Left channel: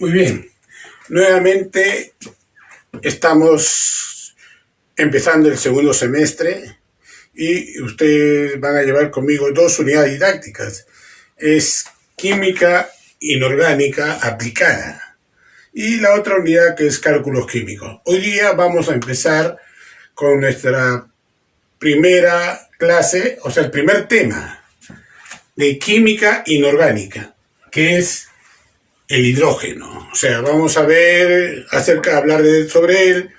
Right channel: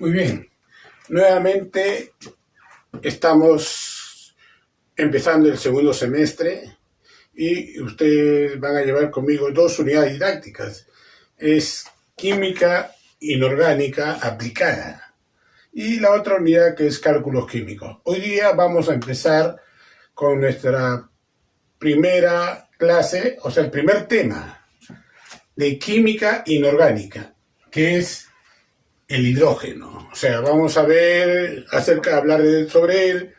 Muy bien, nuevamente estamos empezando el segundo semestre y ustedes van a llevar conmigo dos unidades didácticas. Es química inorgánica aplicada y la otra unidad que es cálculos químicos. Hoy día vamos a empezar con nuestra primera clase, o sea, el primer tema de química inorgánica, que es el hidrógeno. O sea, vamos a ver sobre él,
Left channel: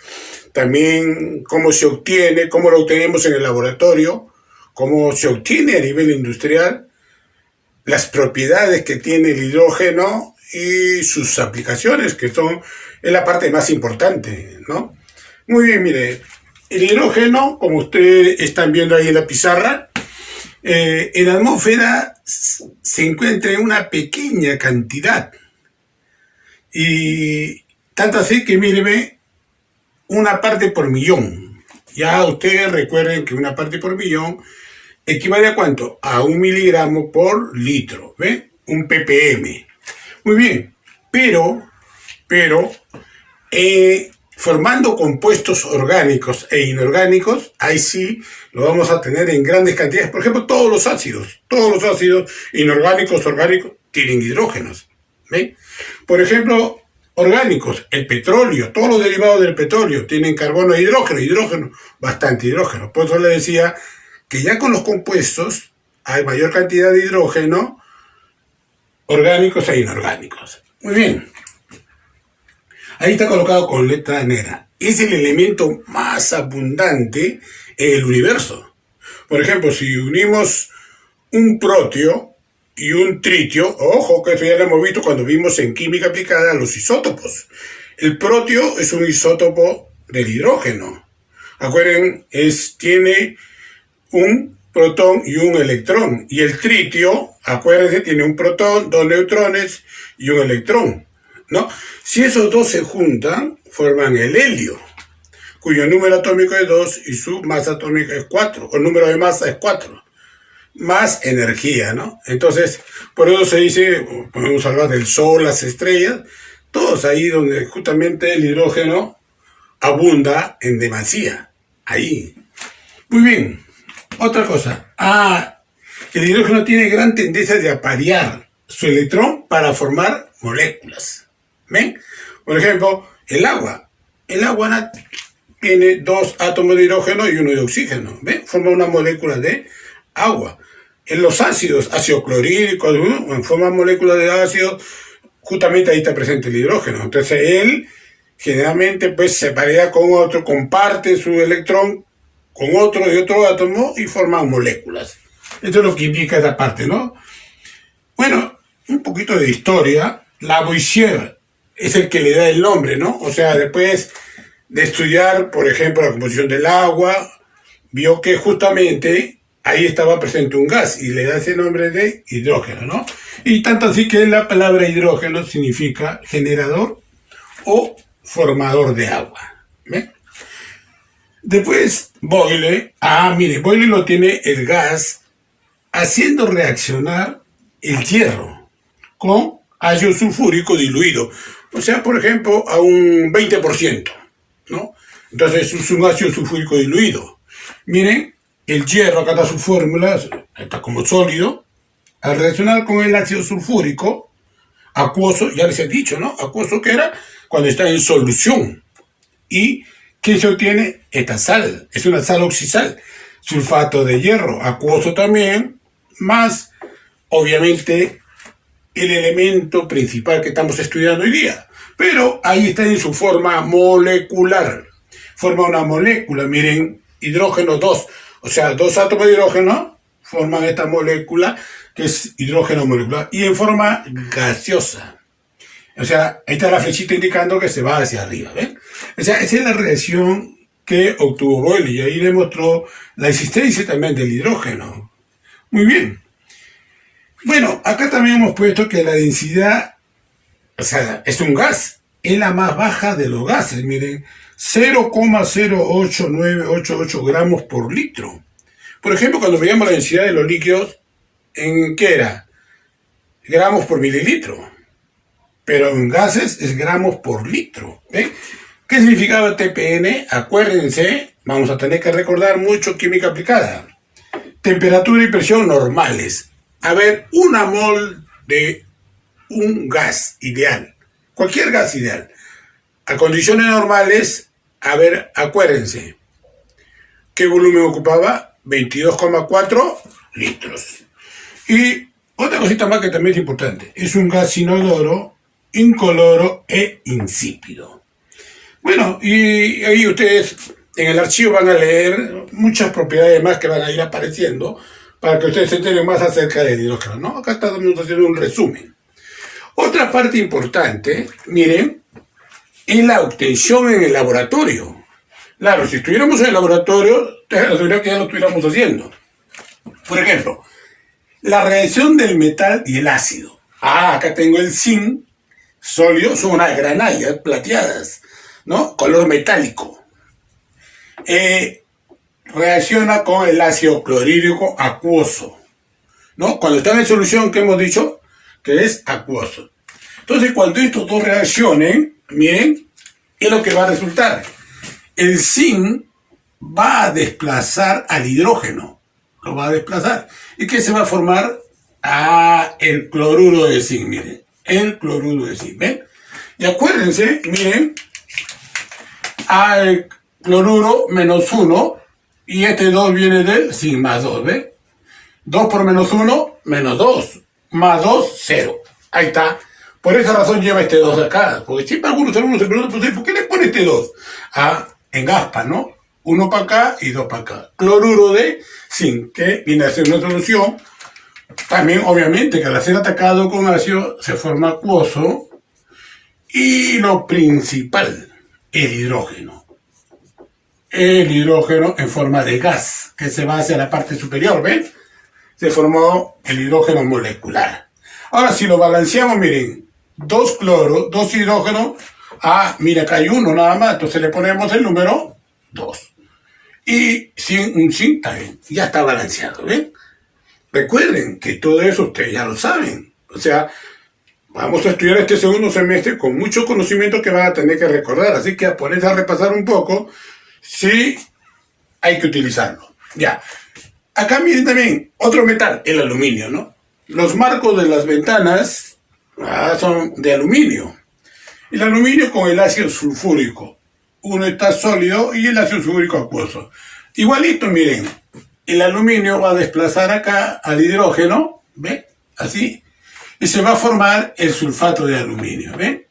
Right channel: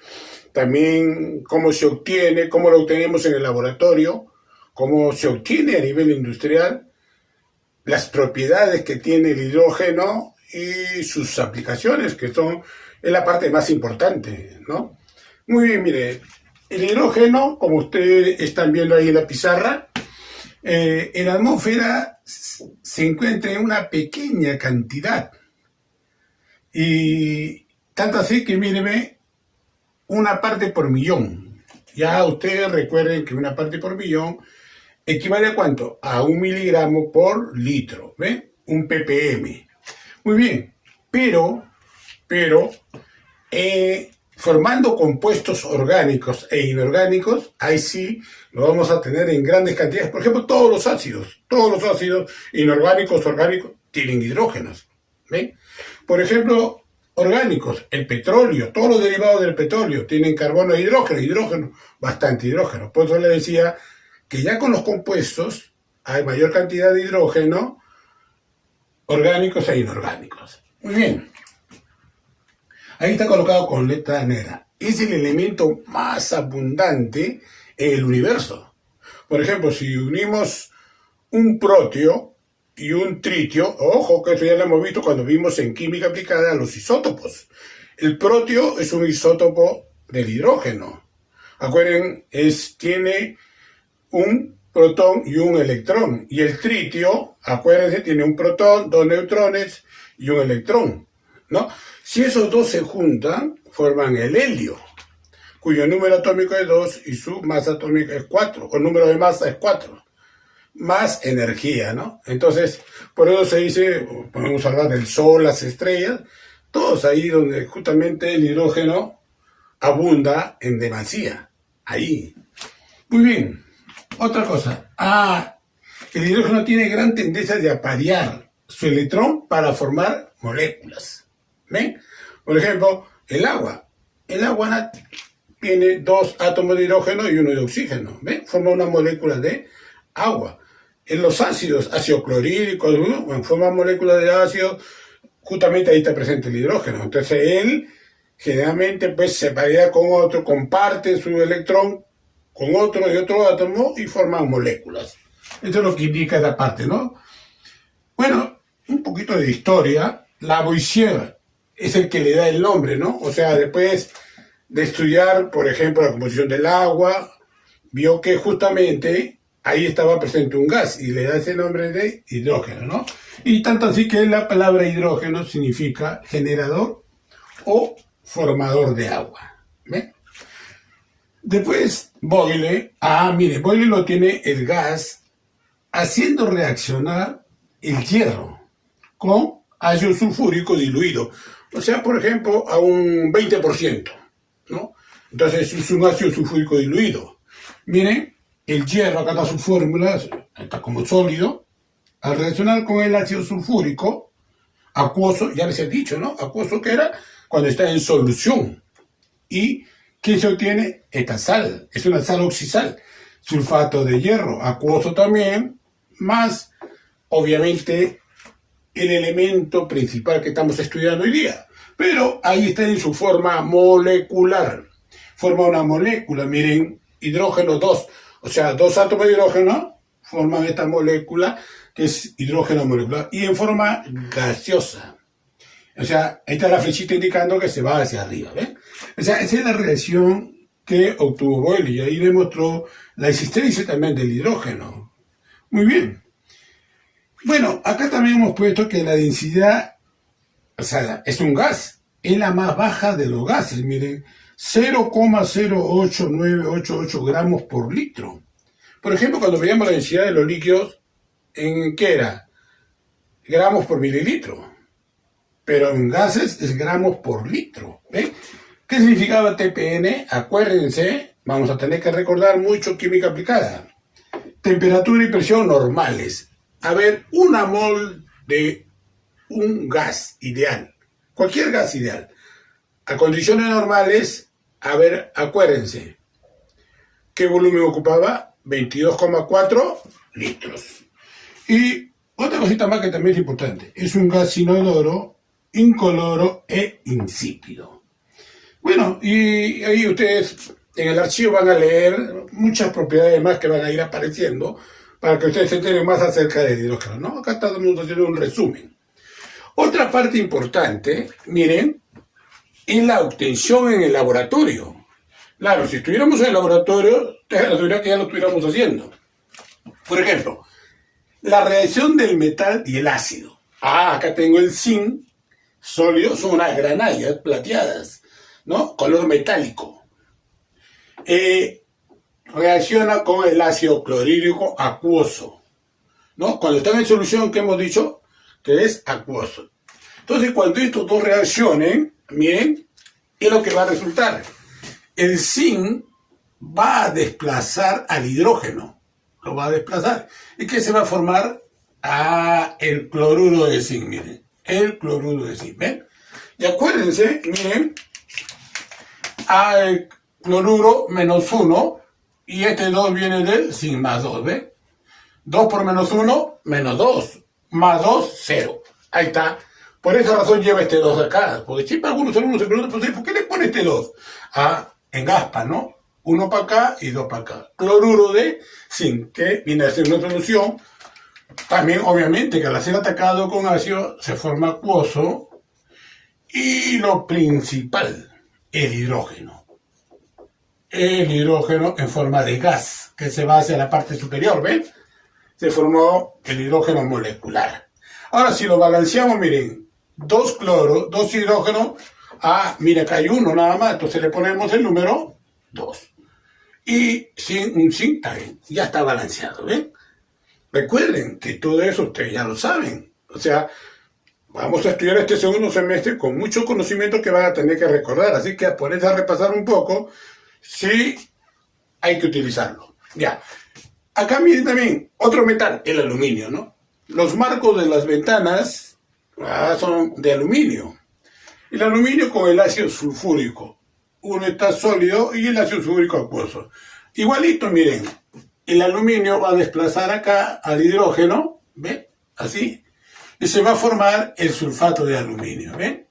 también cómo se obtiene, cómo lo obtenemos en el laboratorio, cómo se obtiene a nivel industrial, las propiedades que tiene el hidrógeno y sus aplicaciones, que es la parte más importante, ¿no? Muy bien, mire, el hidrógeno, como ustedes están viendo ahí en la pizarra, en la atmósfera se encuentra en una pequeña cantidad. Y tanto así que mire, una parte por millón. Ya ustedes recuerden que una parte por millón equivale a ¿cuánto? A 1 miligramo por litro, ¿ve? Un ppm. Muy bien, pero formando compuestos orgánicos e inorgánicos, ahí sí lo vamos a tener en grandes cantidades. Por ejemplo, todos los ácidos inorgánicos, orgánicos, tienen hidrógenos, ¿ve? Por ejemplo, orgánicos, el petróleo, todos los derivados del petróleo tienen carbono e hidrógeno, bastante hidrógeno. Por eso le decía que ya con los compuestos hay mayor cantidad de hidrógeno, orgánicos e inorgánicos. Muy bien. Ahí está colocado con letra negra. Es el elemento más abundante en el universo. Por ejemplo, si unimos un protio y un tritio, ojo que eso ya lo hemos visto cuando vimos en química aplicada los isótopos. El protio es un isótopo del hidrógeno. Acuérdense, tiene un protón y un electrón. Y el tritio, acuérdense, tiene un protón, dos neutrones y un electrón, ¿no? Si esos dos se juntan, forman el helio, cuyo número atómico es 2 y su masa atómica es 4, o el número de masa es 4. Más energía, ¿no? Entonces, por eso se dice, podemos hablar del Sol, las estrellas, todos ahí donde justamente el hidrógeno abunda en demasía, ahí. Muy bien, otra cosa. El hidrógeno tiene gran tendencia de aparear su electrón para formar moléculas. ¿Ven? Por ejemplo, el agua. El agua tiene 2 átomos de hidrógeno y 1 de oxígeno. ¿Ven? Forma una molécula de agua. En los ácidos clorhídricos, forman moléculas de ácido, justamente ahí está presente el hidrógeno. Entonces él generalmente pues se parea con otro, comparte su electrón con otro de otro átomo y forman moléculas. Esto es lo que indica esa parte, ¿no? Bueno, un poquito de historia. Lavoisier es el que le da el nombre, ¿no? O sea, después de estudiar, por ejemplo, la composición del agua, vio que justamente ahí estaba presente un gas y le da ese nombre de hidrógeno, ¿no? Y tanto así que la palabra hidrógeno significa generador o formador de agua. ¿Ve? Después, Boyle, mire, Boyle lo tiene el gas haciendo reaccionar el hierro con ácido sulfúrico diluido. O sea, por ejemplo, a un 20%, ¿no? Entonces es un ácido sulfúrico diluido. Miren, el hierro, acá está su fórmula, está como sólido. Al reaccionar con el ácido sulfúrico, acuoso, ya les he dicho, ¿no? Acuoso que era cuando está en solución. ¿Y qué se obtiene? Esta sal, es una sal oxisal. Sulfato de hierro, acuoso también, más, obviamente, el elemento principal que estamos estudiando hoy día. Pero ahí está en su forma molecular. Forma una molécula, miren, hidrógeno 2. O sea, 2 átomos de hidrógeno forman esta molécula que es hidrógeno molecular y en forma gaseosa. O sea, ahí está la flechita indicando que se va hacia arriba, ¿ven? O sea, esa es la reacción que obtuvo Boyle y ahí demostró la existencia también del hidrógeno. Muy bien. Bueno, acá también hemos puesto que la densidad, o sea, es un gas, es la más baja de los gases, miren, 0,08988 gramos por litro. Por ejemplo, cuando veíamos la densidad de los líquidos, ¿en qué era? Gramos por mililitro. pero en gases es gramos por litro. ¿Ven? ¿Qué significaba TPN? Acuérdense, vamos a tener que recordar mucho química aplicada. Temperatura y presión normales. A ver, una mol de un gas ideal, cualquier gas ideal, a condiciones normales, a ver, acuérdense, ¿qué volumen ocupaba? 22,4 litros. Y otra cosita más que también es importante, es un gas inodoro, incoloro e insípido. Bueno, y ahí ustedes en el archivo van a leer muchas propiedades más que van a ir apareciendo para que ustedes se enteren más acerca del hidrógeno, ¿no? Acá estamos haciendo un resumen. Otra parte importante, miren, es la obtención en el laboratorio. Claro, si estuviéramos en el laboratorio, te aseguro que ya lo estuviéramos haciendo. Por ejemplo, la reacción del metal y el ácido. Acá tengo el zinc sólido, son unas granallas plateadas, ¿no? Color metálico. Reacciona con el ácido clorhídrico acuoso, ¿no? Cuando está en solución, ¿qué hemos dicho? Que es acuoso. Entonces, cuando estos dos reaccionen, miren, ¿qué es lo que va a resultar? El zinc va a desplazar al hidrógeno, lo va a desplazar. ¿Y qué se va a formar? El cloruro de zinc, miren, el cloruro de zinc, ¿ven? Y acuérdense, miren, el cloruro menos 1, y este 2 viene del zinc más 2, ¿ven? 2 por menos 1, menos 2, más 2, 0. Ahí está. Por esa razón lleva este 2 acá, porque siempre algunos alumnos se preguntan, ¿por qué le pone este 2? En aspa, ¿no? 1 para acá y 2 para acá. Cloruro de zinc, que viene a ser una solución. También, obviamente, que al ser atacado con ácido se forma acuoso. Y lo principal, el hidrógeno. El hidrógeno en forma de gas, que se va hacia la parte superior, ¿ven? Se formó el hidrógeno molecular. Ahora, si lo balanceamos, miren, 2 cloro, 2 hidrógeno. Mira, acá hay 1 nada más, entonces le ponemos el número 2. Y un zinc también, ya está balanceado, ¿ven? Recuerden que todo eso ustedes ya lo saben. O sea, vamos a estudiar este segundo semestre con mucho conocimiento que van a tener que recordar. Así que a ponerse a repasar un poco, sí hay que utilizarlo. Ya. Acá miren también otro metal, el aluminio, ¿no? Los marcos de las ventanas son de aluminio. El aluminio con el ácido sulfúrico. Uno está sólido y el ácido sulfúrico acuoso. Igualito, miren. El aluminio va a desplazar acá al hidrógeno, ¿ven? Así. Y se va a formar el sulfato de aluminio, ¿ven?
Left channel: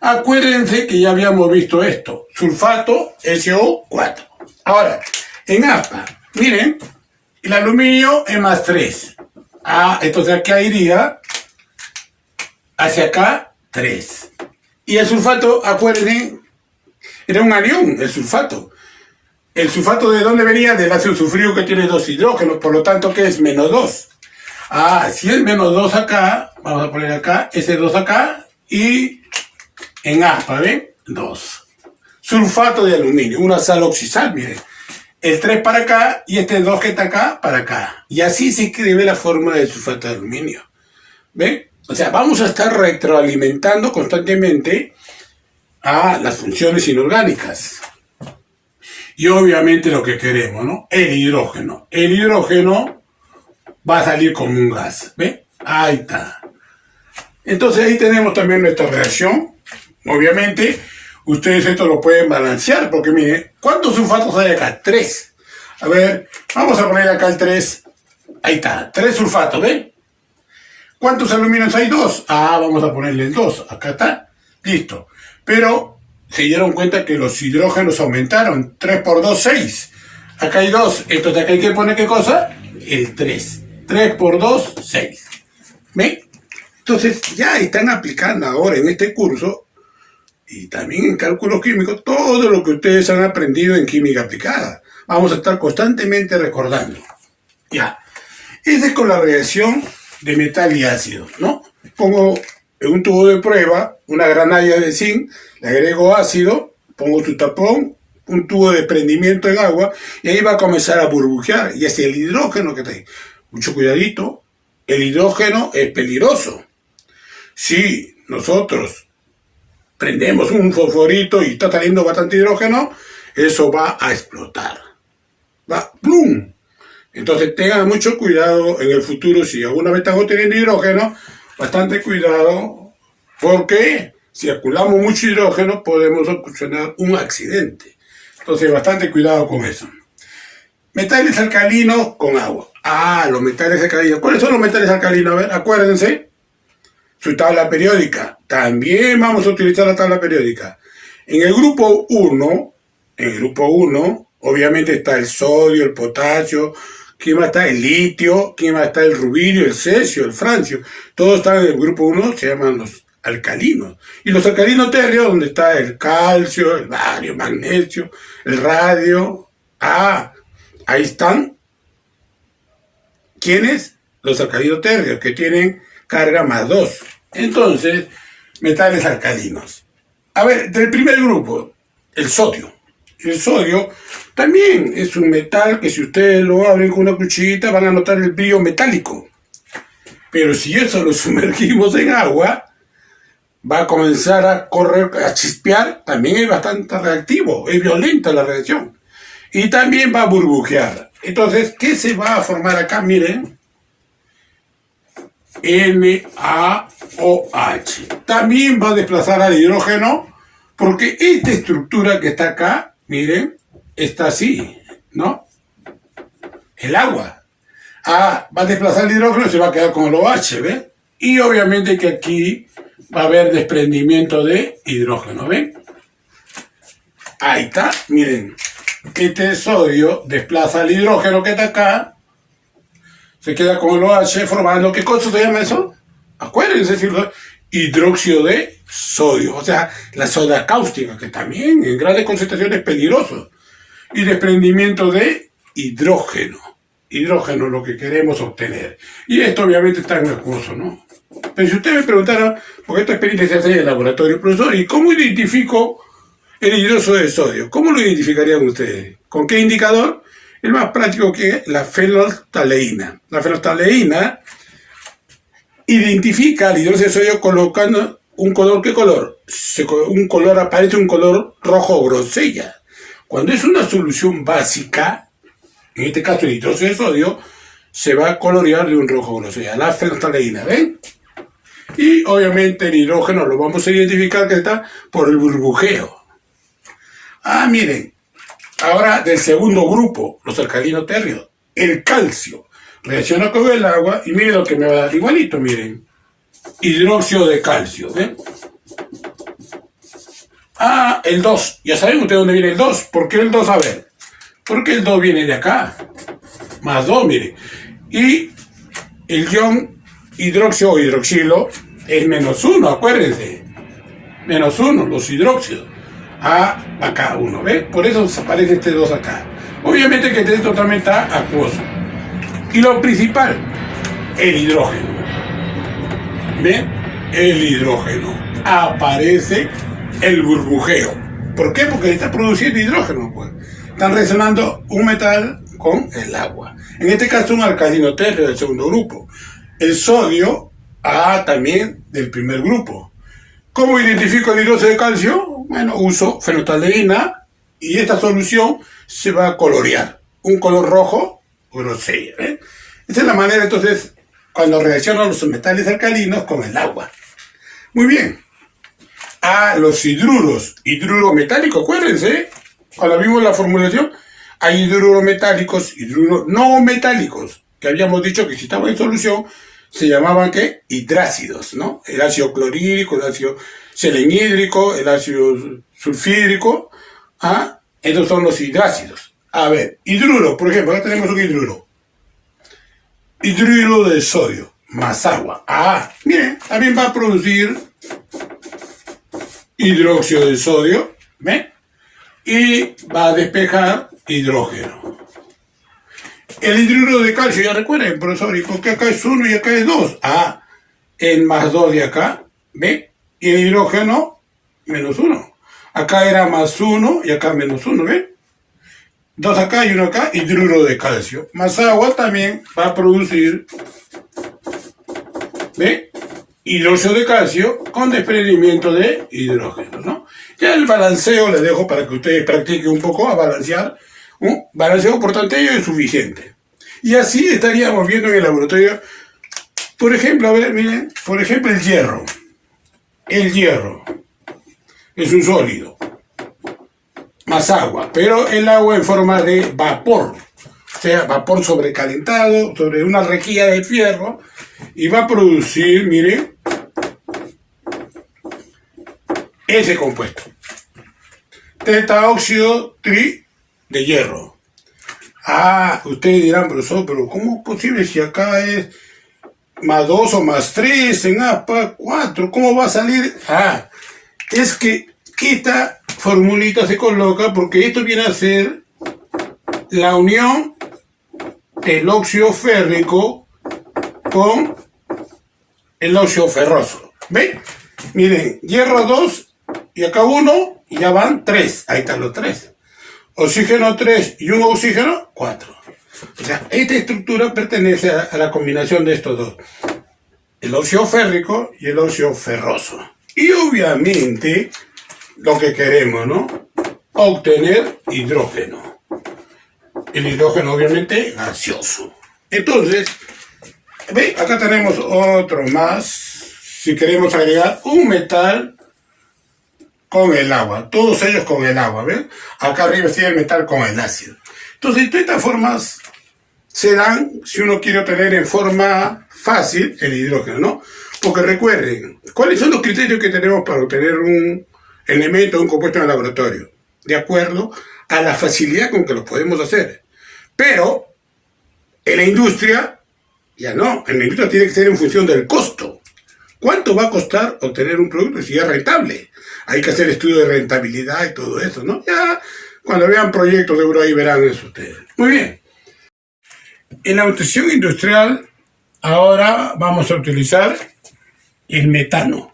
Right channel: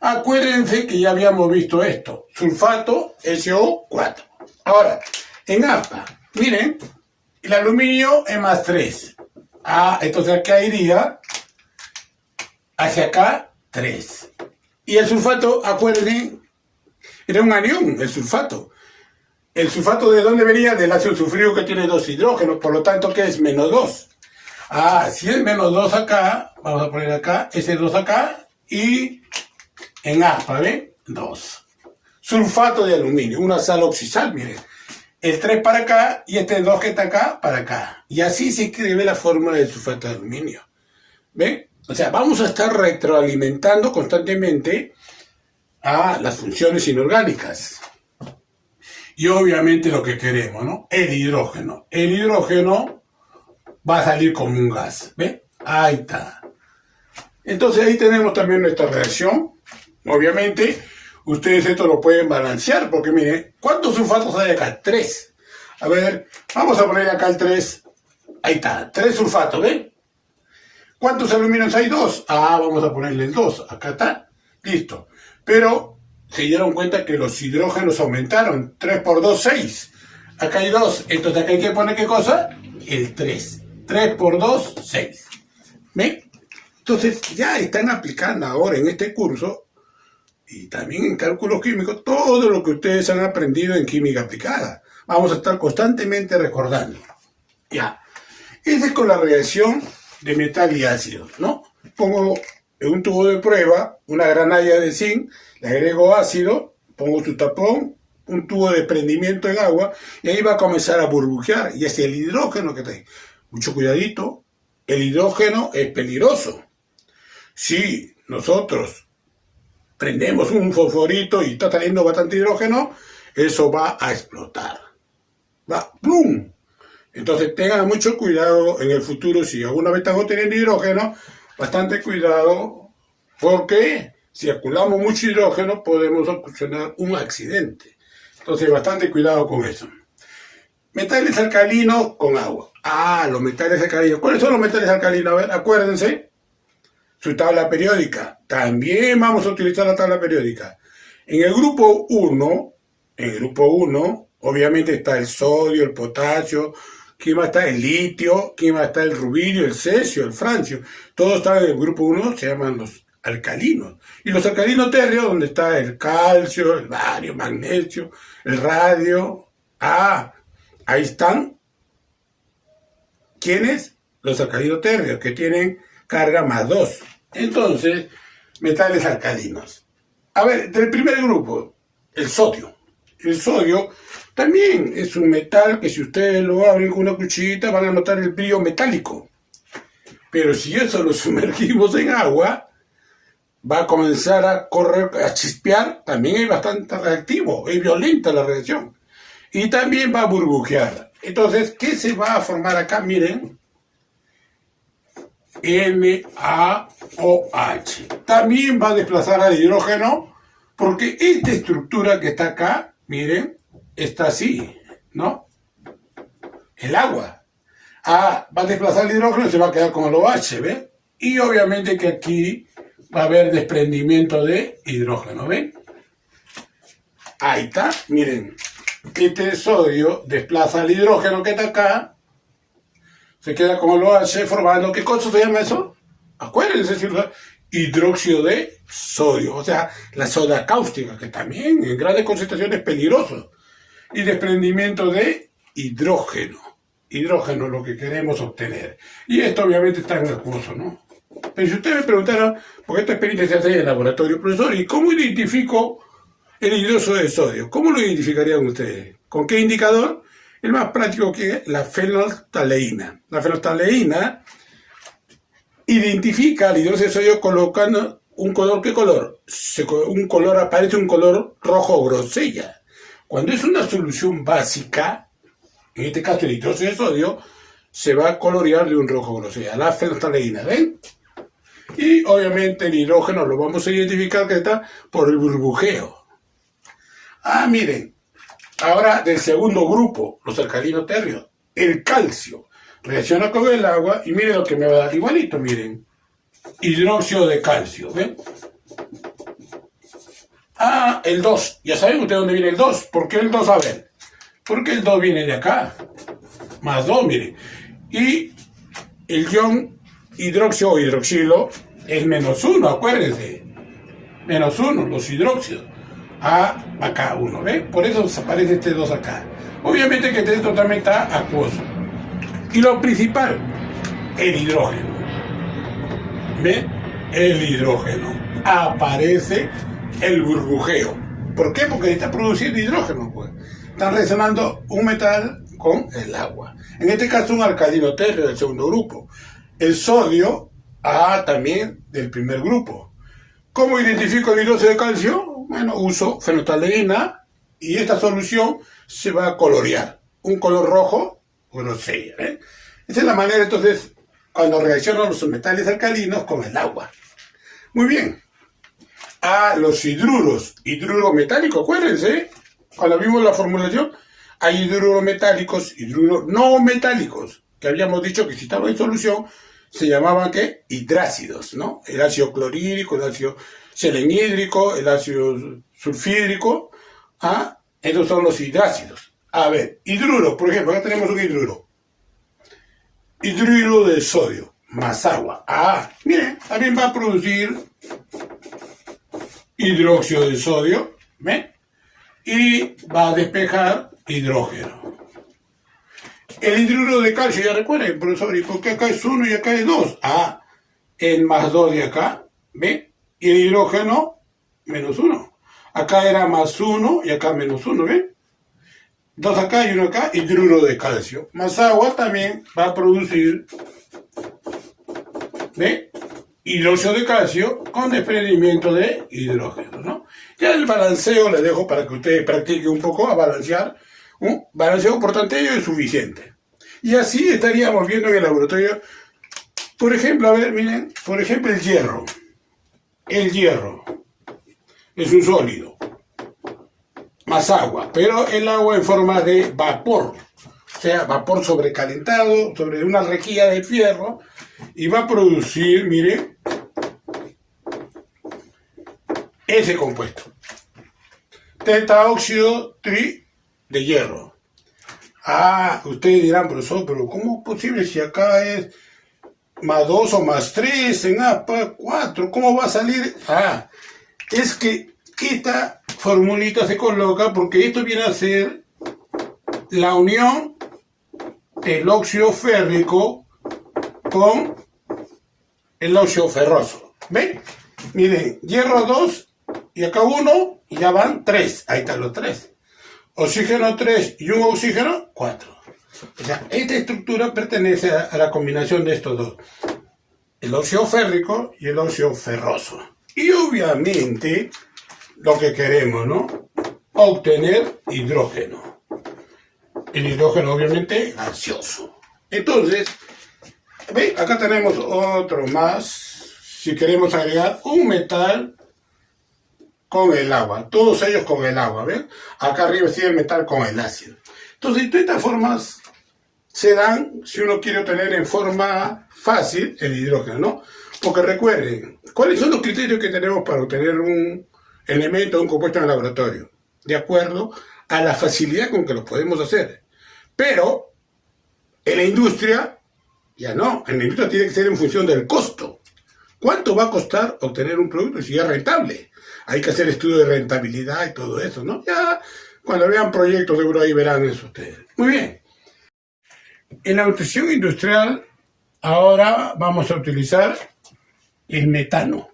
Acuérdense que ya habíamos visto esto. Sulfato SO4. Ahora, en aspa, miren, el aluminio es más 3. Entonces acá iría hacia acá 3. Y el sulfato, acuérdense, era un anión, el sulfato. ¿El sulfato de dónde venía? Del ácido sulfúrico que tiene 2 hidrógenos, por lo tanto, ¿qué es? Menos 2. Si es menos 2 acá, vamos a poner acá, ese 2 acá, y en aspa, ¿ven? 2. Sulfato de aluminio, una sal oxisal, miren. El 3 para acá, y este 2 que está acá, para acá. Y así se escribe la fórmula del sulfato de aluminio. ¿Ven? O sea, vamos a estar retroalimentando constantemente a las funciones inorgánicas. Y obviamente lo que queremos, ¿no? El hidrógeno. El hidrógeno va a salir como un gas. ¿Ven? Ahí está. Entonces ahí tenemos también nuestra reacción. Obviamente, ustedes esto lo pueden balancear, porque miren, ¿cuántos sulfatos hay acá? 3. A ver, vamos a poner acá el 3. Ahí está, 3 sulfatos, ¿ven? ¿Cuántos aluminios hay? 2. Vamos a ponerle el 2. Acá está. Listo. Pero se dieron cuenta que los hidrógenos aumentaron. 3 por 2, 6. Acá hay 2. Entonces acá hay que poner ¿qué cosa? El 3. 3 por 2, 6. ¿Ven? Entonces ya están aplicando ahora en este curso y también en cálculos químicos todo lo que ustedes han aprendido en química aplicada. Vamos a estar constantemente recordando. Ya. Esa es con la reacción de metal y ácido, ¿no? Pongo en un tubo de prueba una granalla de zinc, le agrego ácido, pongo su tapón, un tubo de prendimiento en agua y ahí va a comenzar a burbujear y es el hidrógeno que trae. Mucho cuidadito, el hidrógeno es peligroso. Si nosotros prendemos un fosforito y está saliendo bastante hidrógeno, eso va a explotar. Va, ¡plum! Entonces tengan mucho cuidado en el futuro si alguna vez están obteniendo hidrógeno, bastante cuidado, porque si acumulamos mucho hidrógeno podemos ocasionar un accidente. Entonces bastante cuidado con eso. Metales alcalinos con agua. Los metales alcalinos. ¿Cuáles son los metales alcalinos? A ver, acuérdense. Su tabla periódica. También vamos a utilizar la tabla periódica. En el grupo 1, obviamente está el sodio, el potasio, ¿quién va a estar? El litio, ¿quién va a estar? El rubidio, el cesio, el francio. Todos están en el grupo 1, se llaman los alcalinos. Y los alcalinos térreos, donde está el calcio, el bario, el magnesio, el radio. Ahí están. ¿Quiénes? Los alcalinos térreos, que tienen carga +2. Entonces, metales alcalinos. A ver, del primer grupo, el sodio. El sodio también es un metal que si ustedes lo abren con una cuchillita van a notar el brillo metálico. Pero si eso lo sumergimos en agua, va a comenzar a correr, a chispear. También es bastante reactivo, es violenta la reacción. Y también va a burbujear. Entonces, ¿qué se va a formar acá? Miren. NaOH. También va a desplazar al hidrógeno, porque esta estructura que está acá, miren, está así, ¿no? El agua. Va a desplazar el hidrógeno y se va a quedar con el OH, ¿ven? Y obviamente que aquí va a haber desprendimiento de hidrógeno, ¿ven? Ahí está, miren. Este sodio desplaza el hidrógeno que está acá, se queda con el OH formando, ¿qué cosa se llama eso? Acuérdense, ¿cierto? Hidróxido de sodio, o sea, la soda cáustica, que también en grandes concentraciones es peligroso. Y desprendimiento de hidrógeno. Hidrógeno es lo que queremos obtener. Y esto obviamente está en acuoso, ¿no? Pero si ustedes me preguntaran, porque esta experiencia se hace en el laboratorio, profesor, ¿y cómo identifico el hidróxido de sodio? ¿Cómo lo identificarían ustedes? ¿Con qué indicador? El más práctico que es la fenolftaleína. La fenolftaleína identifica el hidróxido de sodio colocando un color. ¿Qué color? Aparece un color rojo grosella. Cuando es una solución básica, en este caso el hidróxido de sodio, se va a colorear de un rojo grosella. La fenolftaleína, ¿ven? Y obviamente el hidrógeno lo vamos a identificar que está por el burbujeo. Miren. Ahora del segundo grupo, los alcalinos térreos, el calcio reacciona con el agua y miren lo que me va a dar igualito, miren. Hidróxido de calcio, ¿ven? El 2. Ya saben ustedes dónde viene el 2. ¿Por qué el 2? A ver. Porque el 2 viene de acá. +2, miren. Y el ion hidróxido o hidroxilo es -1, acuérdense. -1, los hidróxidos. Acá 1, ¿ves? Por eso aparece este 2 acá. Obviamente que esto también está acuoso. Y lo principal, el hidrógeno. ¿Ven? El hidrógeno. Aparece el burbujeo. ¿Por qué? Porque está produciendo hidrógeno, pues. Están reaccionando un metal con el agua. En este caso un alcalino térreo del segundo grupo. El sodio, también del primer grupo. ¿Cómo identifico el hidróxido de calcio? Bueno, uso fenolftaleína y esta solución se va a colorear. Un color rojo grosella, ¿eh? Esa es la manera, entonces, cuando reaccionan los metales alcalinos con el agua. Muy bien. Los hidruros metálicos, acuérdense, cuando vimos la formulación, hay hidruros metálicos, hidruros no metálicos, que habíamos dicho que si estaban en solución, se llamaban, ¿qué? Hidrácidos, ¿no? El ácido clorhídrico, el ácido selenhídrico, el ácido sulfídrico, estos son los hidrácidos. A ver, hidruro, por ejemplo, acá tenemos un hidruro. Hidruro de sodio, más agua. Miren, también va a producir hidróxido de sodio, ¿ven? Y va a despejar hidrógeno. El hidruro de calcio, ya recuerden, profesor, ¿y por qué acá es 1 y acá es 2? El +2 de acá, ¿ven? Y el hidrógeno, -1. Acá era +1 y acá -1, ¿ven? 2 acá y 1 acá, hidruro de calcio. Más agua también va a producir, ¿ven? hidróxido de calcio con desprendimiento de hidrógeno, ¿no? Ya el balanceo le dejo para que ustedes practiquen un poco a balancear. Un balanceo por tantello es suficiente. Y así estaríamos viendo en el laboratorio. Por ejemplo, a ver, miren, por ejemplo el hierro. El hierro es un sólido, más agua, pero el agua en forma de vapor. O sea, vapor sobrecalentado sobre una rejilla de fierro y va a producir, miren, ese compuesto. Tetaóxido tri de hierro. Ah, ustedes dirán, profesor, pero ¿cómo es posible si acá es más 2 o más 3 en APA 4? ¿Cómo va a salir? Ah, es que esta formulita se coloca porque esto viene a ser la unión del óxido férrico con el óxido ferroso. ¿Ven? Miren, hierro 2 y acá 1 y ya van 3. Ahí están los 3. Oxígeno 3 y un oxígeno 4. O sea, esta estructura pertenece a la combinación de estos dos. El óxido férrico y el óxido ferroso. Y obviamente lo que queremos, ¿no? Obtener hidrógeno. El hidrógeno obviamente gaseoso. Entonces, ¿ve? Acá tenemos otro más. Si queremos agregar un metal con el agua. Todos ellos con el agua, ¿ven? Acá arriba sí el metal con el ácido. Entonces, de estas formas se dan, si uno quiere obtener en forma fácil el hidrógeno, ¿no? Porque recuerden, ¿cuáles son los criterios que tenemos para obtener un elemento, un compuesto en el laboratorio? De acuerdo a la facilidad con que lo podemos hacer. Pero en la industria, ya no. En la industria tiene que ser en función del costo. ¿Cuánto va a costar obtener un producto si es rentable? Hay que hacer estudios de rentabilidad y todo eso, ¿no? Ya cuando vean proyectos seguro ahí verán eso ustedes. Muy bien. En la nutrición industrial ahora vamos a utilizar el metano.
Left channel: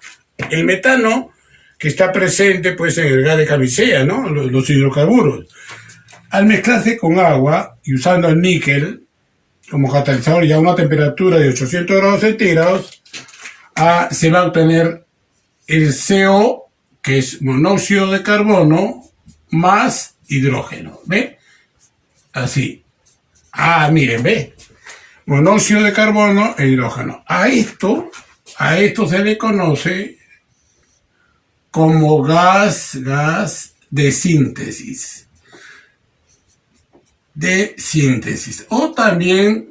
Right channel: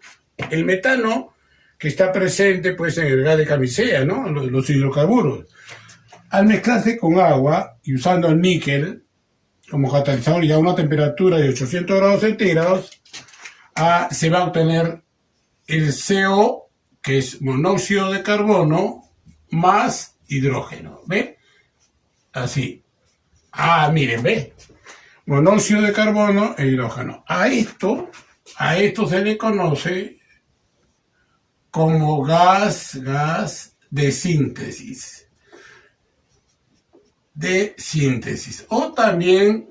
El metano que está presente pues en el gas de camisea, ¿no? Los hidrocarburos. Al mezclarse con agua y usando el níquel como catalizador y a una temperatura de 800 grados centígrados, se va a obtener el CO, que es monóxido de carbono, más hidrógeno. ¿Ve? Así. Miren, ¿ve? Monóxido de carbono e hidrógeno. A esto se le conoce como gas de síntesis. O también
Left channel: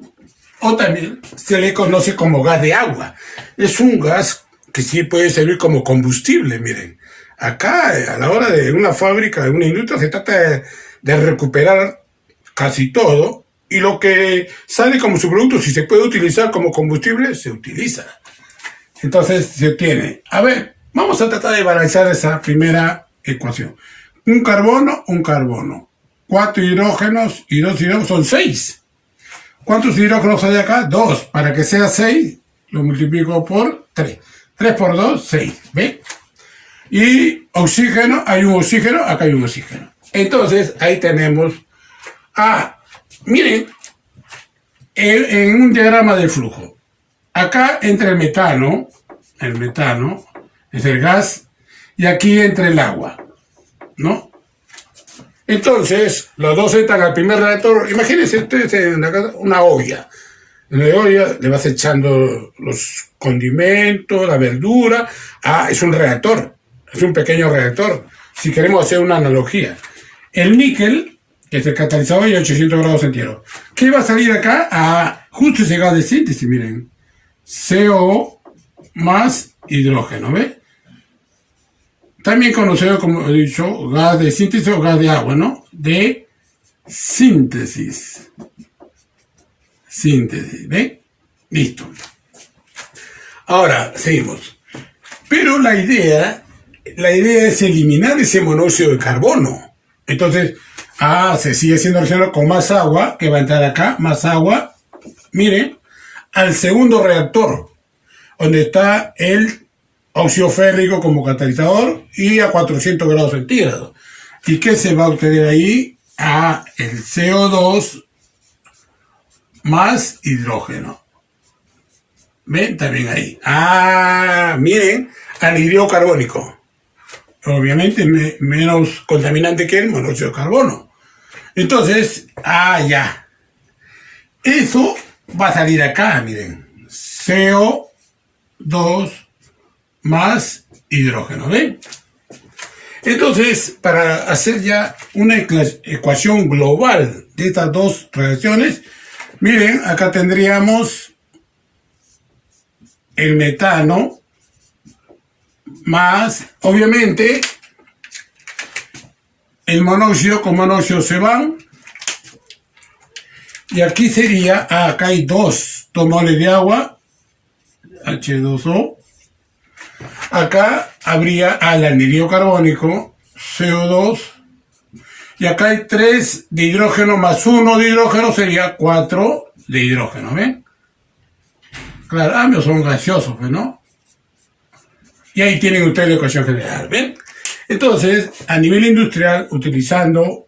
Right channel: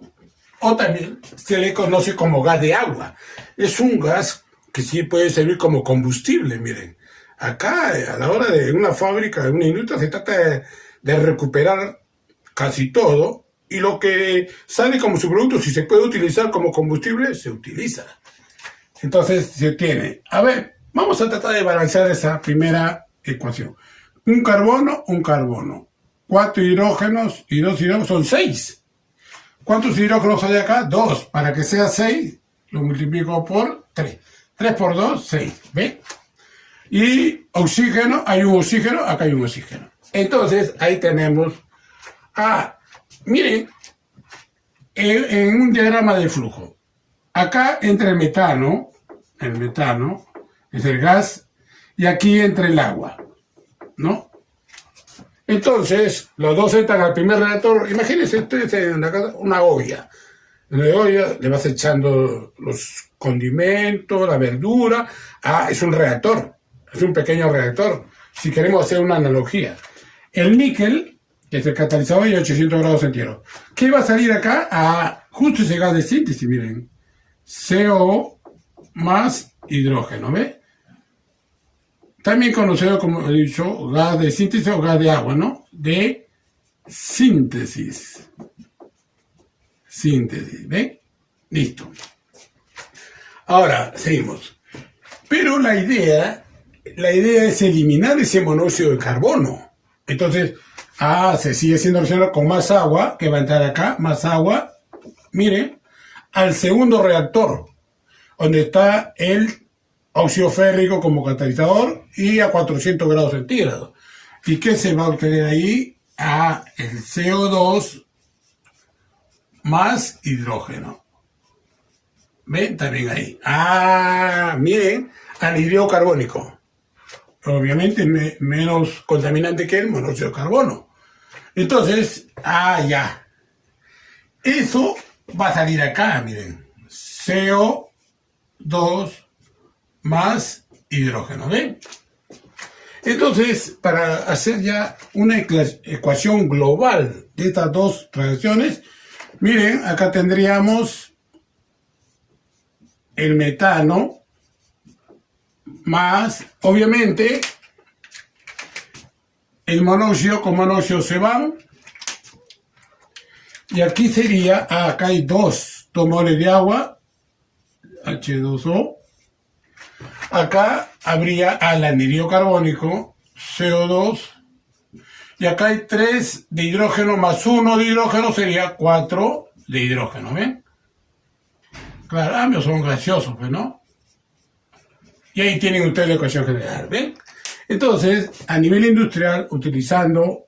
se le conoce como gas de agua. Es un gas que sí puede servir como combustible, miren. Acá, a la hora de una fábrica, de una industria, se trata de recuperar casi todo, y lo que sale como subproducto, si se puede utilizar como combustible, se utiliza. Entonces se obtiene. A ver, vamos a tratar de balancear esa primera ecuación. Un carbono. 4 hidrógenos y 2 hidrógenos son 6. ¿Cuántos hidrógenos hay acá? 2. Para que sea 6, lo multiplico por 3. 3 por 2, 6. ¿Ve? Y oxígeno, hay un oxígeno, acá hay un oxígeno. Entonces, ahí tenemos... miren, en un diagrama de flujo. Acá entra el metano es el gas, y aquí entra el agua, ¿no? Entonces, los dos entran al primer reactor. Imagínense ustedes en una olla. En la olla le vas echando los condimentos, la verdura. Es un reactor, es un pequeño reactor. Si queremos hacer una analogía. El níquel, que es el catalizador, y 800 grados centígrados. ¿Qué va a salir acá? Justo ese gas de síntesis, miren. CO más hidrógeno, ¿ve? También conocido, como he dicho, gas de síntesis o gas de agua, ¿no? De síntesis. ¿Ve? Listo. Ahora, seguimos. Pero la idea es eliminar ese monóxido de carbono. Entonces, se sigue siendo el cielo con más agua, que va a entrar acá, más agua, miren, al segundo reactor, donde está el óxido férrico como catalizador y a 400 grados centígrados. ¿Y qué se va a obtener ahí? El CO2 más hidrógeno. ¿Ven? También ahí. Ah, miren, anhidrido carbónico. Obviamente menos contaminante que el monóxido de carbono. Entonces, ya. Eso va a salir acá, miren. CO2 más hidrógeno, ¿ven? Entonces, para hacer ya una ecuación global de estas dos reacciones, miren, acá tendríamos el metano más, obviamente, el monóxido con monóxido se van. Y aquí sería, acá hay 2 moles de agua, H2O. Acá habría el anhídrido carbónico, CO2. Y acá hay 3 de hidrógeno más 1 de hidrógeno, sería 4 de hidrógeno, ¿ven? Claro, ambos son gaseosos, pues, ¿no? Y ahí tienen ustedes la ecuación general, ¿ven? Entonces, a nivel industrial, utilizando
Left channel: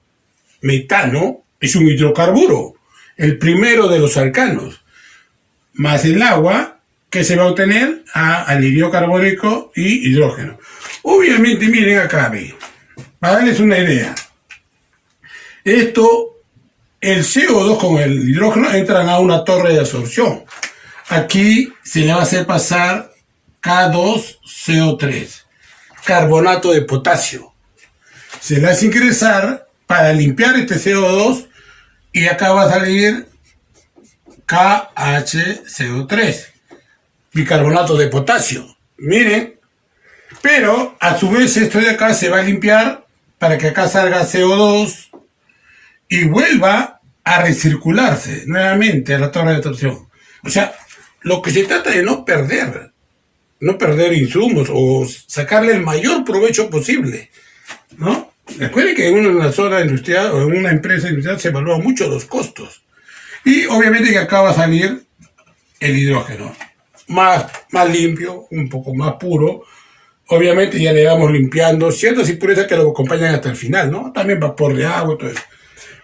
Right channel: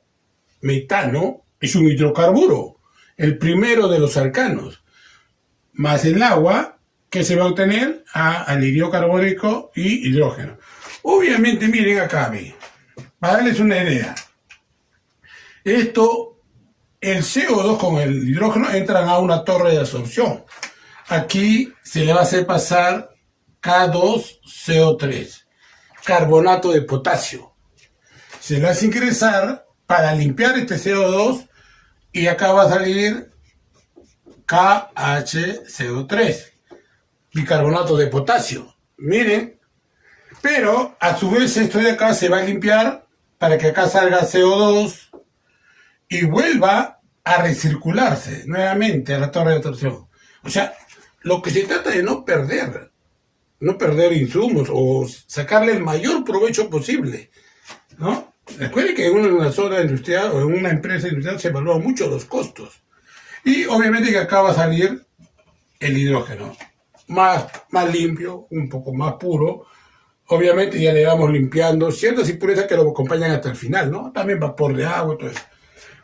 metano, es un hidrocarburo, el primero de los alcanos, más el agua, que se va a obtener anhídrido carbónico y hidrógeno. Obviamente, miren acá, para darles una idea, esto, el CO2 con el hidrógeno entran a una torre de absorción. Aquí se le va a hacer pasar K2CO3, carbonato de potasio. Se le hace ingresar para limpiar este CO2 y acá va a salir KHCO3, bicarbonato de potasio. Miren, pero a su vez esto de acá se va a limpiar para que acá salga CO2 y vuelva a recircularse nuevamente a la torre de absorción. O sea, lo que se trata de no perder insumos o sacarle el mayor provecho posible, ¿no? Recuerden que en una zona industrial o en una empresa industrial se evalúan mucho los costos. Y obviamente que acá va a salir el hidrógeno, más limpio, un poco más puro. Obviamente ya le vamos limpiando ciertas impurezas que lo acompañan hasta el final, ¿no? También vapor de agua y todo eso.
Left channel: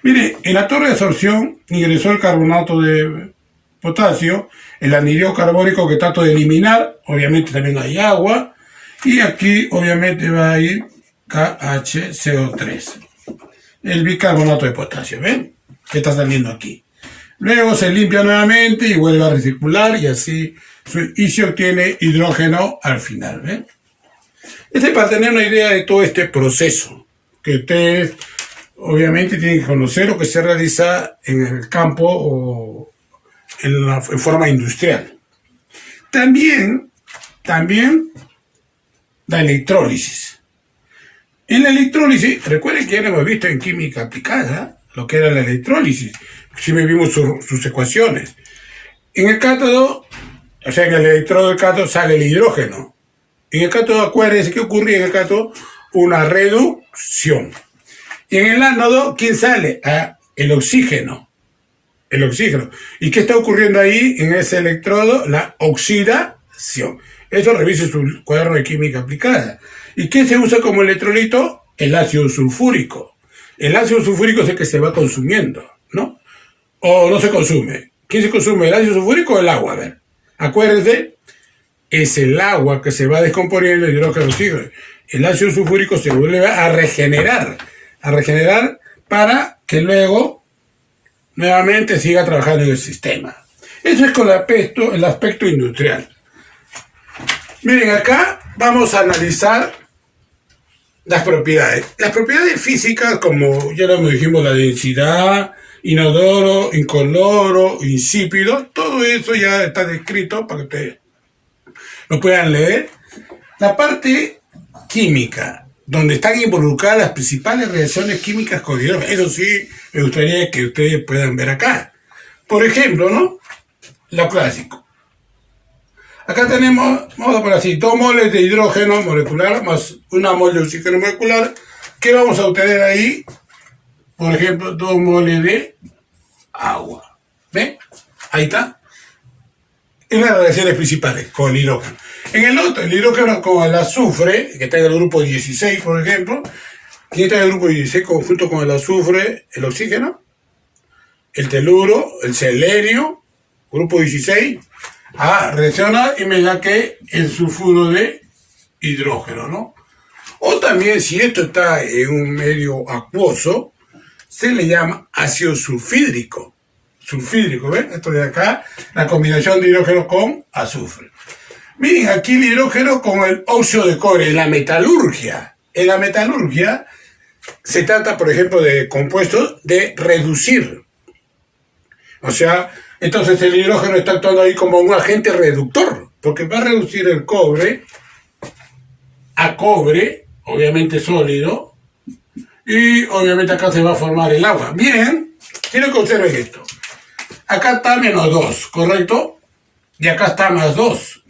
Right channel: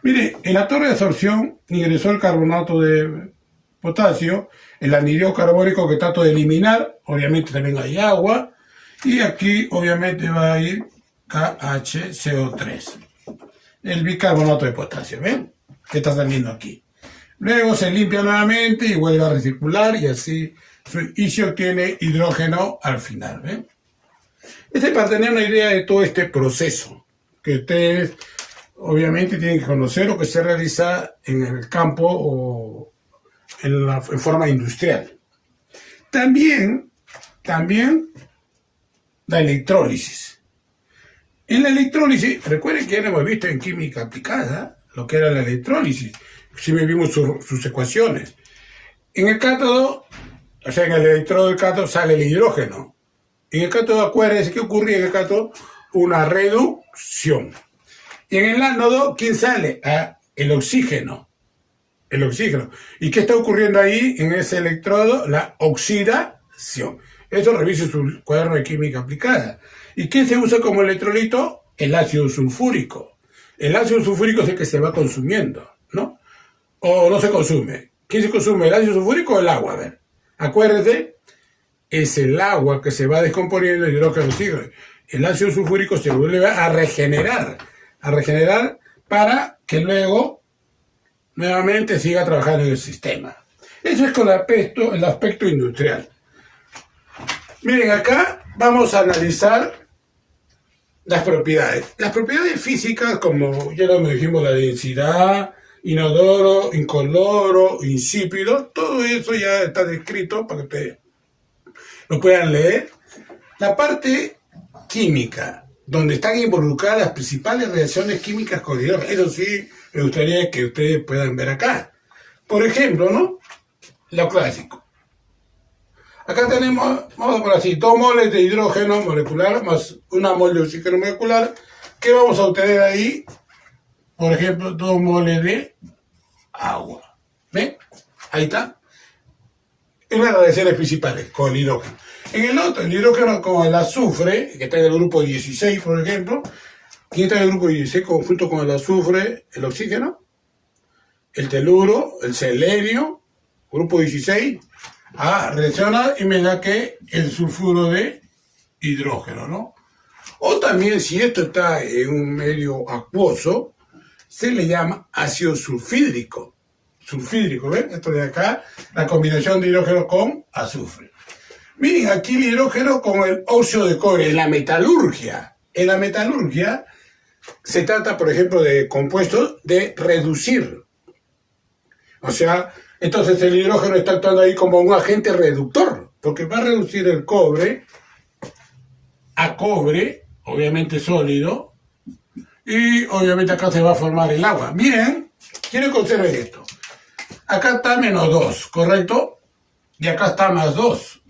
Mire, en la torre de absorción ingresó el carbonato de potasio, el anhídrido carbónico que trato de eliminar, obviamente también hay agua, y aquí obviamente va a ir KHCO3, el bicarbonato de potasio, ¿ven? Que está saliendo aquí. Luego se limpia nuevamente y vuelve a recircular y así se obtiene hidrógeno al final, ¿ven? Este es para tener una idea de todo este proceso, que ustedes obviamente tienen que conocer lo que se realiza en el campo o en forma industrial. También la electrólisis. En la electrólisis, recuerden que ya lo hemos visto en química aplicada, lo que era la electrólisis. Si vimos sus ecuaciones. En el cátodo, o sea, en el electrodo del cátodo sale el hidrógeno. En el cátodo, acuérdense que ocurría en el cátodo una reducción. Y en el ánodo, ¿quién sale? El oxígeno. El oxígeno. ¿Y qué está ocurriendo ahí en ese electrodo? La oxidación. Eso revise su cuaderno de química aplicada. ¿Y qué se usa como electrolito? El ácido sulfúrico. El ácido sulfúrico es el que se va consumiendo, ¿no? O no se consume. ¿Quién se consume? ¿El ácido sulfúrico o el agua? A ver. Acuérdense, es el agua que se va descomponiendo el hidrógeno oxígeno. El ácido sulfúrico se vuelve a regenerar para que luego nuevamente siga trabajando en el sistema. Eso es con el aspecto industrial. Miren, acá vamos a analizar las propiedades. Las propiedades físicas, como ya lo dijimos, la densidad, inodoro, incoloro, insípido, todo eso ya está descrito para que ustedes lo puedan leer. La parte química, donde están involucradas las principales reacciones químicas con hidrógeno. Eso sí, me gustaría que ustedes puedan ver acá. Por ejemplo, ¿no? Lo clásico. Acá tenemos, vamos a poner así, 2 moles de hidrógeno molecular más 1 mol de oxígeno molecular. ¿Qué vamos a obtener ahí? Por ejemplo, 2 moles de agua. ¿Ven? Ahí está. En las reacciones principales con el hidrógeno. En el otro, el hidrógeno con el azufre, que está en el grupo 16, por ejemplo. ¿Quién está en el grupo 16 junto con el azufre? El oxígeno, el teluro, el selenio, grupo 16. Reacciona y me da que el sulfuro de hidrógeno, ¿no? O también, si esto está en un medio acuoso, se le llama ácido sulfídrico. Sulfídrico, ¿ven? Esto de acá, la combinación de hidrógeno con azufre. Miren, aquí el hidrógeno con el óxido de cobre, en la metalurgia. En la metalurgia se trata, por ejemplo, de compuestos de reducir. O sea, entonces el hidrógeno está actuando ahí como un agente reductor, porque va a reducir el cobre a cobre, obviamente sólido, y obviamente acá se va a formar el agua. Miren, quiero que observen esto. Acá está -2, ¿correcto? Y acá está +2.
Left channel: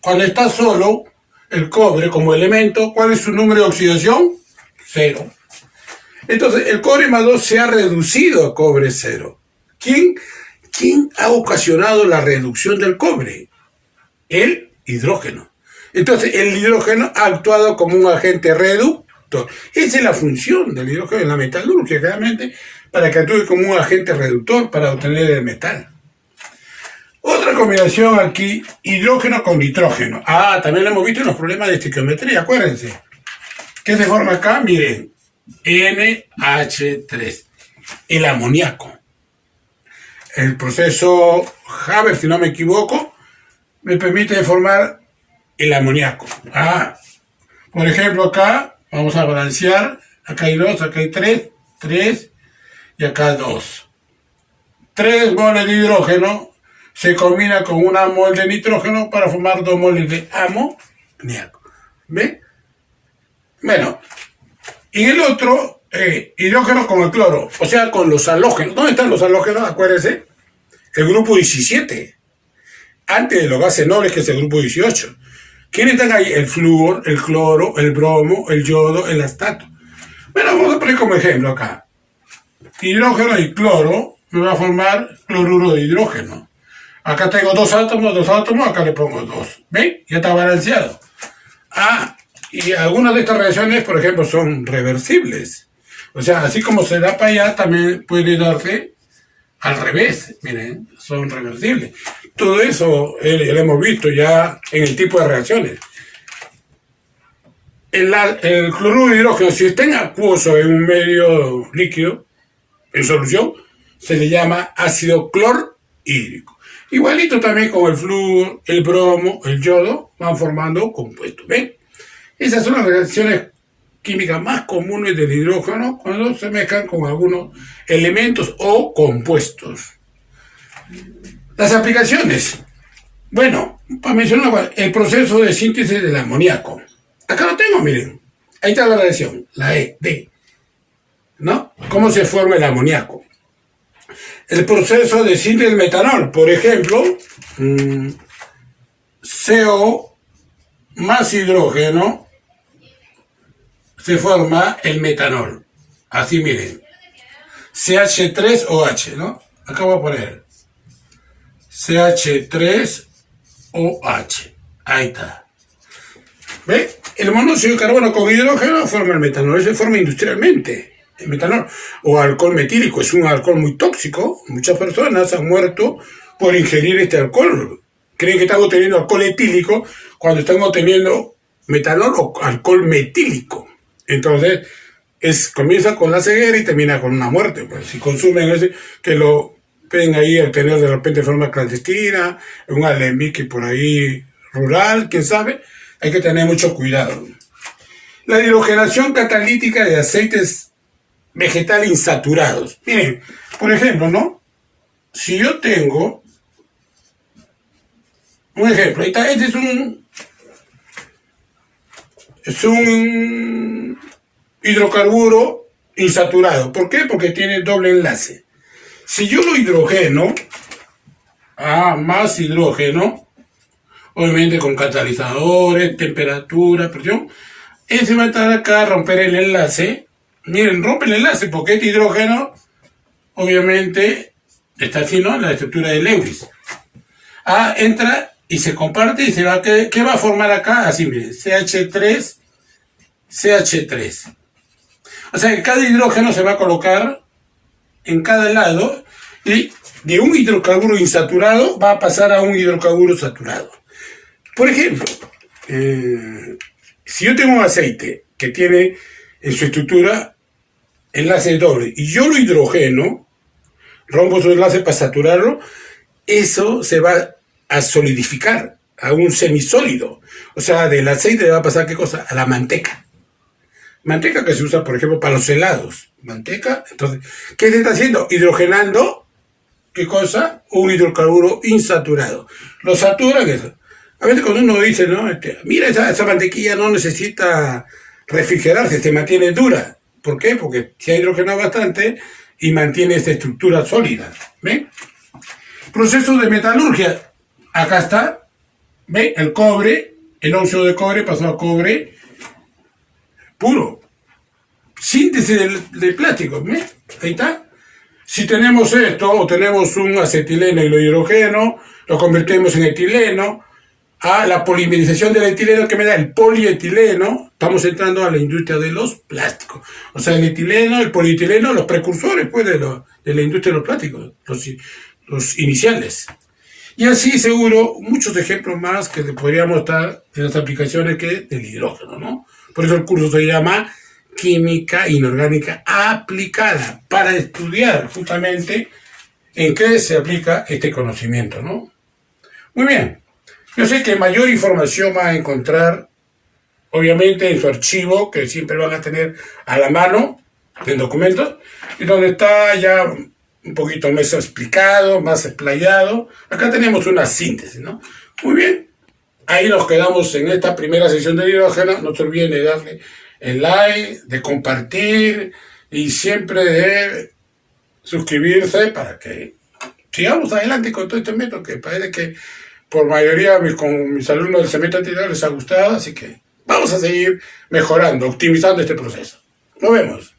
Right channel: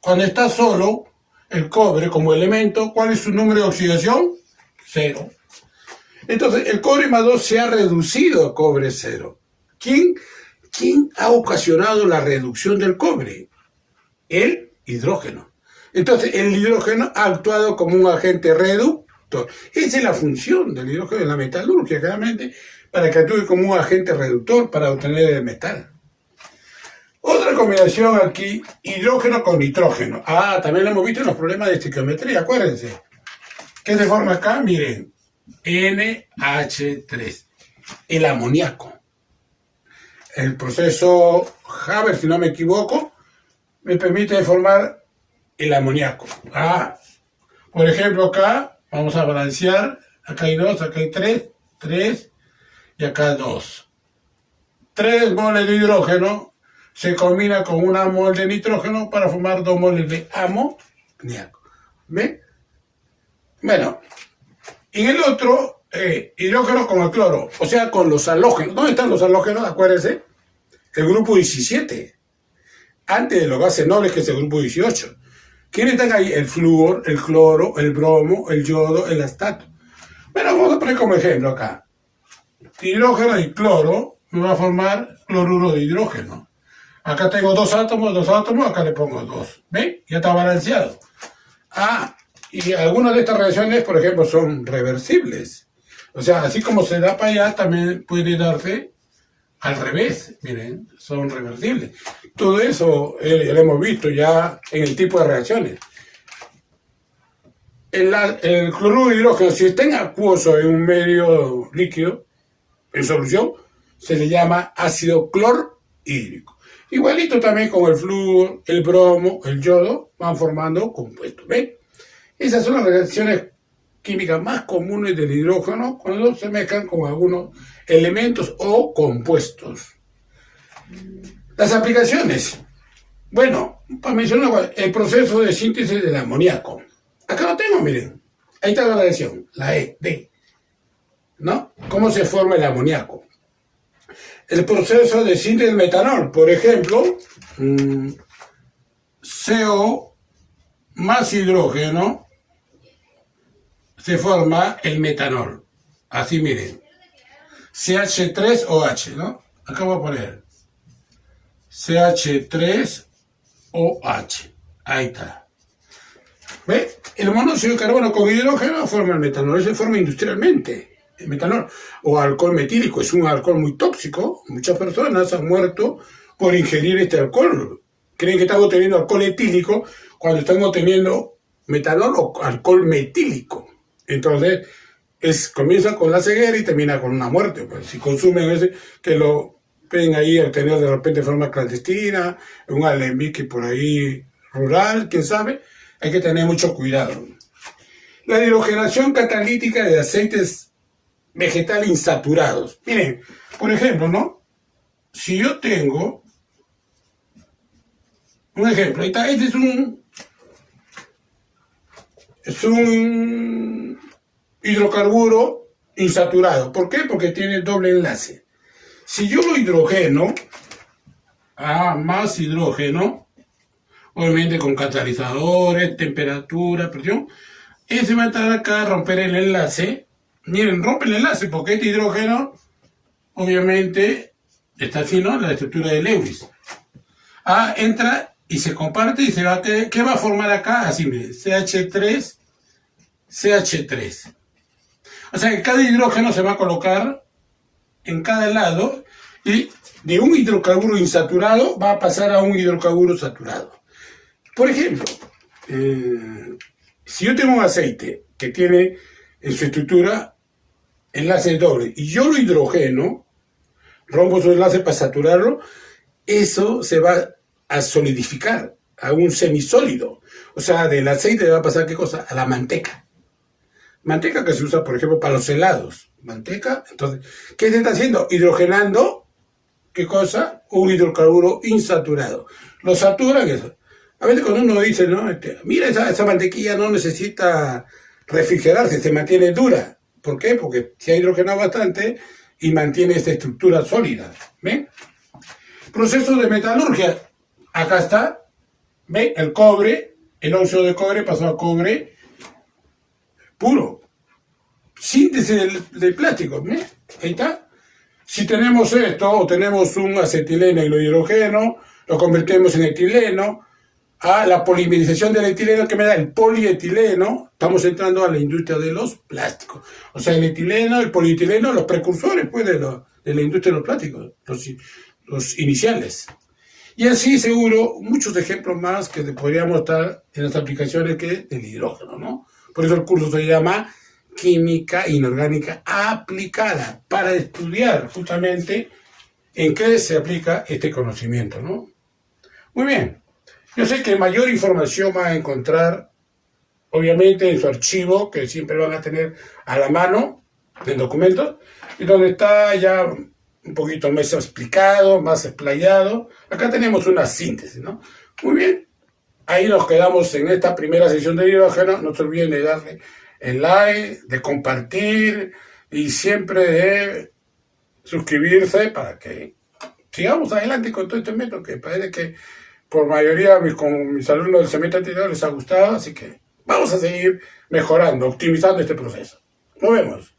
Cuando está solo el cobre como elemento, ¿cuál es su número de oxidación? 0. Entonces, el cobre +2 se ha reducido a cobre 0. ¿Quién ha ocasionado la reducción del cobre? El hidrógeno. Entonces, el hidrógeno ha actuado como un agente reductor. Esa es la función del hidrógeno en la metalurgia, claramente, para que actúe como un agente reductor para obtener el metal. Otra combinación aquí, hidrógeno con nitrógeno. También lo hemos visto en los problemas de estequiometría, acuérdense. ¿Qué se forma acá? Miren, NH3, el amoníaco. El proceso Haber, si no me equivoco, me permite formar el amoníaco. Por ejemplo, acá vamos a balancear. Acá hay 2, acá hay 3 y acá 2. 3 moles de hidrógeno se combina con 1 mol de nitrógeno para formar 2 moles de amoníaco. ¿Ven? Bueno, y el otro, hidrógeno con el cloro, o sea, con los halógenos. ¿Dónde están los halógenos? Acuérdense, el grupo 17. Antes de los gases nobles, que es el grupo 18. ¿Quiénes están ahí? El flúor, el cloro, el bromo, el yodo, el astato. Bueno, vamos a poner como ejemplo acá. Hidrógeno y cloro me va a formar cloruro de hidrógeno. Acá tengo 2 átomos, acá le pongo 2. ¿Ven? Ya está balanceado. Y algunas de estas reacciones, por ejemplo, son reversibles. O sea, así como se da para allá, también puede darse al revés. Miren, son reversibles. Todo eso lo hemos visto ya en el tipo de reacciones. El cloruro de hidrógeno, si está en acuoso en un medio líquido, en solución, se le llama ácido clorhídrico. Igualito también con el flúor, el bromo, el yodo, van formando compuestos. ¿Ven? Esas son las reacciones químicas más comunes del hidrógeno cuando se mezclan con algunos elementos o compuestos. Las aplicaciones. Bueno, para mencionar el proceso de síntesis del amoníaco. Acá lo tengo, miren. Ahí está la reacción, la ED. ¿No? ¿Cómo se forma el amoníaco? El proceso de síntesis del metanol, por ejemplo, CO más hidrógeno, se forma el metanol. Así miren. CH3OH, ¿no? Acá voy a poner CH3OH. Ahí está. ¿Ve? El monóxido de carbono con hidrógeno forma el metanol. Eso se forma industrialmente. El metanol. O alcohol metílico. Es un alcohol muy tóxico. Muchas personas han muerto por ingerir este alcohol. Creen que están obteniendo alcohol etílico cuando están obteniendo metanol o alcohol metílico. Entonces, comienza con la ceguera y termina con una muerte. Pues, si consumen ese, que lo pueden ahí obtener de repente de forma clandestina, un alembique por ahí rural, quién sabe, hay que tener mucho cuidado. La hidrogenación catalítica de aceites vegetales insaturados. Miren, por ejemplo, ¿no? Si yo tengo un ejemplo, ahí está, este es un hidrocarburo insaturado. ¿Por qué? Porque tiene doble enlace. Si yo lo hidrogeno, más hidrógeno, obviamente con catalizadores, temperatura, presión, ese va a entrar acá a romper el enlace. Miren, rompe el enlace porque este hidrógeno, obviamente, está aquí, ¿no? La estructura de Lewis. Entra y se comparte y se va. ¿Qué va a formar acá? Así, miren, CH3, CH3. O sea que cada hidrógeno se va a colocar en cada lado y de un hidrocarburo insaturado va a pasar a un hidrocarburo saturado. Por ejemplo, si yo tengo un aceite que tiene en su estructura enlace doble y yo lo hidrogeno, rompo su enlace para saturarlo, eso se va a solidificar a un semisólido. O sea, del aceite le va a pasar, ¿qué cosa? A la manteca. Manteca que se usa, por ejemplo, para los helados. Manteca. Entonces, ¿qué se está haciendo? Hidrogenando, ¿qué cosa? Un hidrocarburo insaturado. Lo saturan eso. A veces cuando uno dice, ¿no? Mira, esa mantequilla no necesita refrigerarse, se mantiene dura. ¿Por qué? Porque se ha hidrogenado bastante y mantiene esta estructura sólida. ¿Ven? Proceso de metalurgia. Acá está. ¿Ven? El cobre, el óxido de cobre pasó a cobre puro. Síntesis del plástico. ¿Ven? Ahí está. Si tenemos esto, o tenemos un acetileno y lo hidrogeno, lo convertimos en etileno. A la polimerización del etileno que me da el polietileno, estamos entrando a la industria de los plásticos. O sea, el etileno, el polietileno, los precursores pues, de la industria de los plásticos, los iniciales. Y así seguro muchos ejemplos más que podríamos dar de las aplicaciones del hidrógeno, ¿no? Por eso el curso se llama Química Inorgánica Aplicada, para estudiar justamente en qué se aplica este conocimiento, ¿no? Muy bien. Yo sé que mayor información va a encontrar, obviamente, en su archivo, que siempre van a tener a la mano, en documentos, y donde está ya un poquito más explicado, más explayado. Acá tenemos una síntesis, ¿no? Muy bien. Ahí nos quedamos en esta primera sesión de hidrógeno. No se olviden de darle el like, de compartir y siempre de suscribirse para que sigamos adelante con todo este método que parece que por mayoría con mis alumnos del semestre anterior les ha gustado, así que vamos a seguir mejorando, optimizando este proceso. Nos vemos.